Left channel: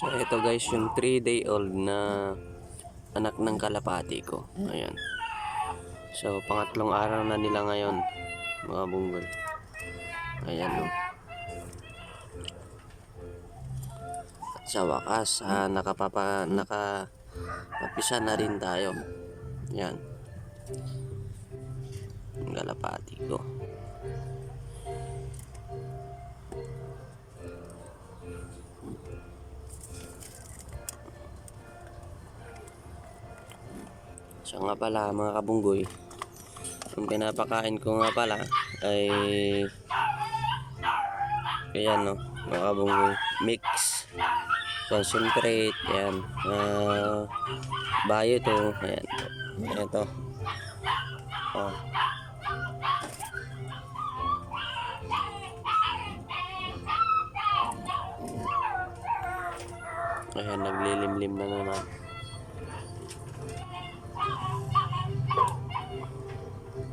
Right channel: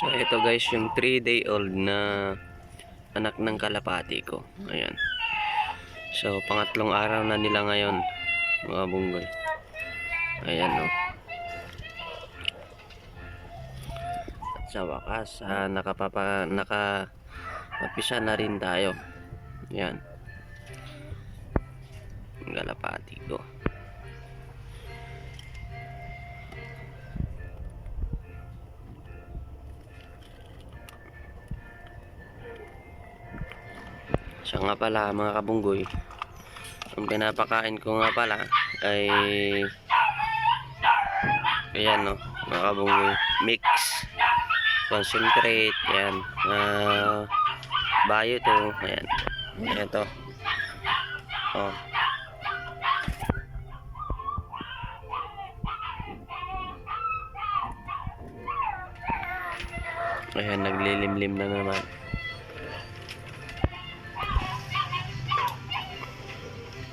So ito guys yung 3-day old na anak ng kalapati ko. Ayan. So pangatlong araw na nila ngayon mga bunggoy. Ayan no. At sa wakas nakapapisa na rin tayo. Ayan. Ang kalapati ko. So nga pala mga kabunggoy, ang pinapakain ko nga pala ay ayan no, mga kabunggoy, mix concentrate, ayan, bayo to, ayan, ayan to, oh. Ayan, naglilimlim na naman.